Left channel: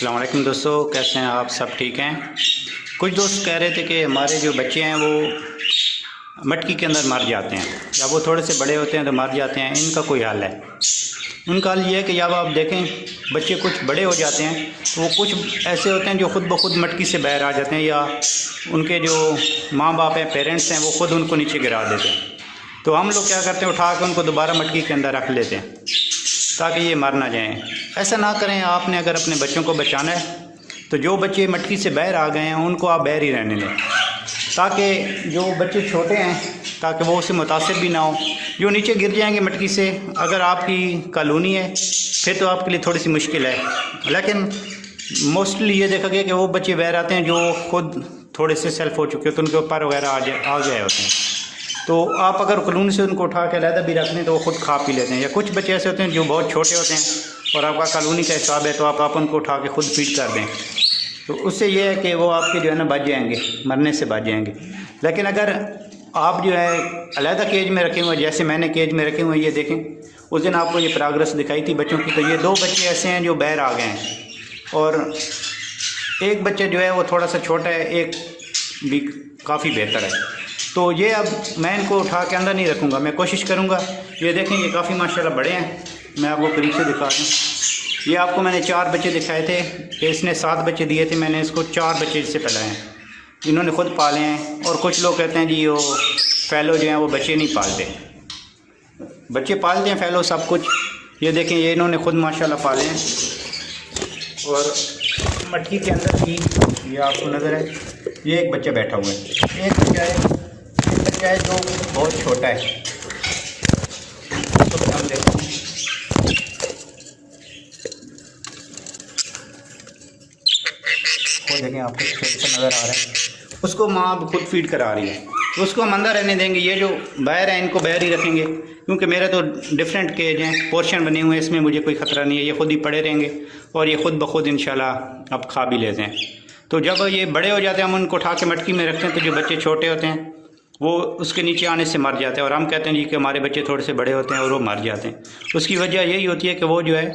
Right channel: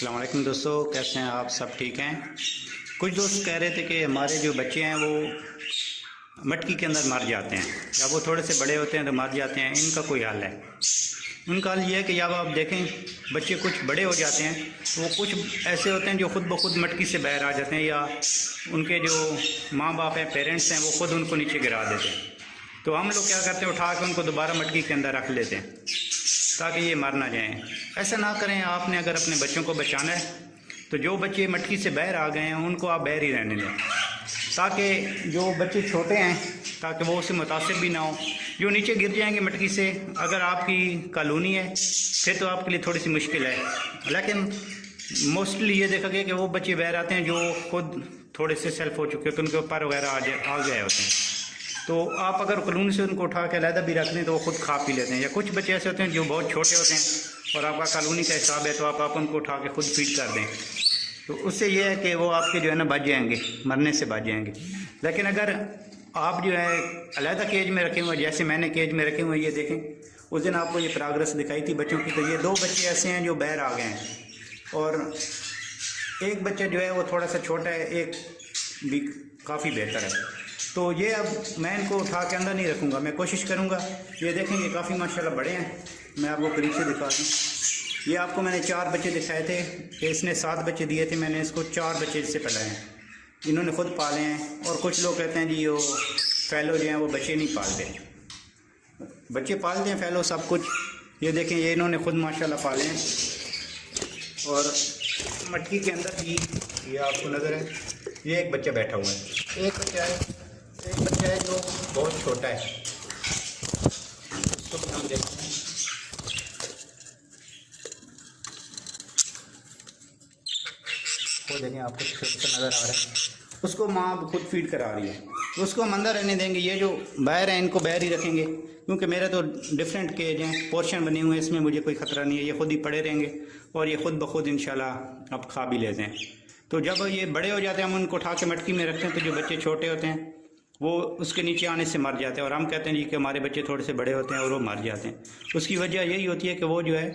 अस्सलाम वालेकुम दोस्तों, कैसे हैं आप? सब ठीक हैं? कुछ दोस्त कह रहे थे कि हमारे जो बच्चे हैं वो मटकी के अंदर मर जाते हैं, या वो थोड़े से बड़े होते हैं तो मर जाते हैं। इनका कोई हल है? उनका हल ये है कि जब आप देखें बच्चे कुछ बड़े हो जाते हैं तो वो कुछ ऐसे होते हैं जो ख़ुद ब खुद मटकी से बाहर आ जाते हैं, या उनके जो माँ बाप हैं, पेरेंट्स हैं, वो ख़ुद उनको नीचे गिरा देते हैं। तो हम लोग क्या करते हैं, उठा के उनको दोबारा मटकी के अंदर रख लेते हैं ताकि ये मर ना जाएं। ऐसा ना करें। आपने अगर अपने बच्चों को बचाना है तो जो बच्चे मटकी से बाहर आ गए हैं उनको आप बाहर ही रहने दें, ताकि जो बच्चे छोटे हैं ताकि वो उससे मुतासिर भी ना हो। जो नीचे गिर जाएंगे मटकी से, अगर आपकी कॉलोनी है फिर तो आपके लिए थोड़ी सी मुश्किल है, लेकिन मोस्टली ये देखा गया कि वो बच्चे बाहर आते हैं जो खुद थोड़े से सेल्फ हो चुके होते हैं, उनके ऊपर वगैरह आ गए होते हैं। तो आप अगर कॉलोनी से उनको उठा के अलहदा भी रख लें तो वो खुद खा पी लेते हैं। या कुछ बच्चे ऐसे होते हैं जो बहुत छोटे होते हैं और आपका कॉलोनी का हिसाब है तो आप उनको उठा के खुद फीड कर दें, तो उससे ये है कि वो आपके जो है ना बच जाएंगे, मरने से बच जाएंगे। लेकिन अगर आप जो है अलहदा केज में रखे हुए, जैसे मैंने केज में रखे हुए, ये देखें उस दिन आपको ये प्रोग्रेस दिखाई थी बच्चों की, तो ये 2 बच्चे ऐसे हैं जो बाहर आ गए हैं और एक बच्चा जो है वो थोड़ा सा छोटा है, एक भी काफ़ी बेहतर है। तो ये अब मैं इनको उठा के अंदर नहीं रखूँगा, मैं कोशिश करूँगा। ये देखें ये काफ़ी माशाल्लाह बड़े हैं, मैं आपको करीब से दिखा दूँ। ये आपको मैंने 4 बच्चे दिखाए थे, इसने 7 बच्चे दिए थे, मैंने इसको 4 बच्चे इससे पलाए हैं, इन्होंने खुद पाले हैं। और कुछ लोग कहते हैं जी वो फैलो जो हैं वो बच्चे नहीं पालते, बच्चे पालते हैं फैलो सब कुछ। ये देखें ये इन्होंने खुद माशाल्लाह पाले हैं। और मटकी के अंदर भी ये आपको नज़र है, ये एक बच्चा बैठा हुआ है, एक बच्चा है जो बहुत छोटा है। तो हम देखो वो देखें आपको छोटा नज़र आ रहा है, उसको माँ खुद फीड करा रही है, तो उसको हम अंदर रहने देंगे। ये जो बाहर है इनको बाहर ही रखेंगे, क्योंकि मेरे तो डिफरेंट केज हैं, पोर्शन बने हुए हैं, इसमें मुझे कोई ख़तरा नहीं है। ये खुद ही पड़े रहेंगे और ये खुद ब खुद इंशाल्लाह अब खा भी लेते हैं। तो जब ये बड़े हो जाते हैं हम उनको उठा के मटकी में रखते हैं, तो जो बच्चे छोटे होते हैं वो उसके नीचे आने से मर जाते हैं। और हम कहते हैं जी कि हमारे बच्चे थोड़े से बड़े होते हैं और वो मर जाते हैं। उसकी वजह यही होती है कि वो जो है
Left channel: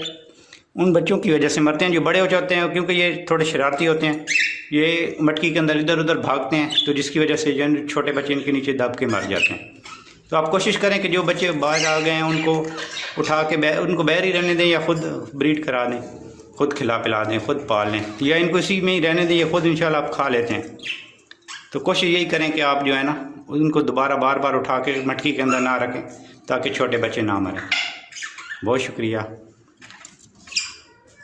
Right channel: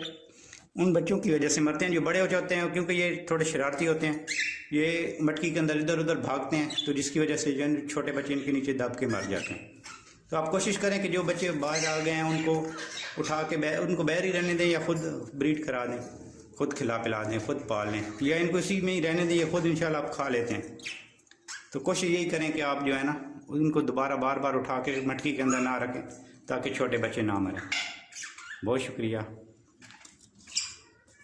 उन बच्चों की वजह से मरते हैं जो बड़े हो जाते हैं, क्योंकि ये थोड़े शरारती होते हैं, ये मटकी के अंदर इधर उधर भागते हैं, तो जिसकी वजह से जो छोटे बच्चे इनके नीचे दब के मर जाते हैं। तो आप कोशिश करें कि जो बच्चे बाहर आ गए हैं उनको उठा के उनको बाहर ही रहने दें, या खुद ब्रीड करा दें, खुद खिला पिला दें, खुद पाल लें, या इनको इसी में ही रहने दें, ये खुद इंशाल्लाह आप खा लेते हैं। तो कोशिश यही करें कि आप जो है ना उनको दोबारा बार बार उठा के मटकी के अंदर ना रखें ताकि छोटे बच्चे ना मरें। बहुत शुक्रिया।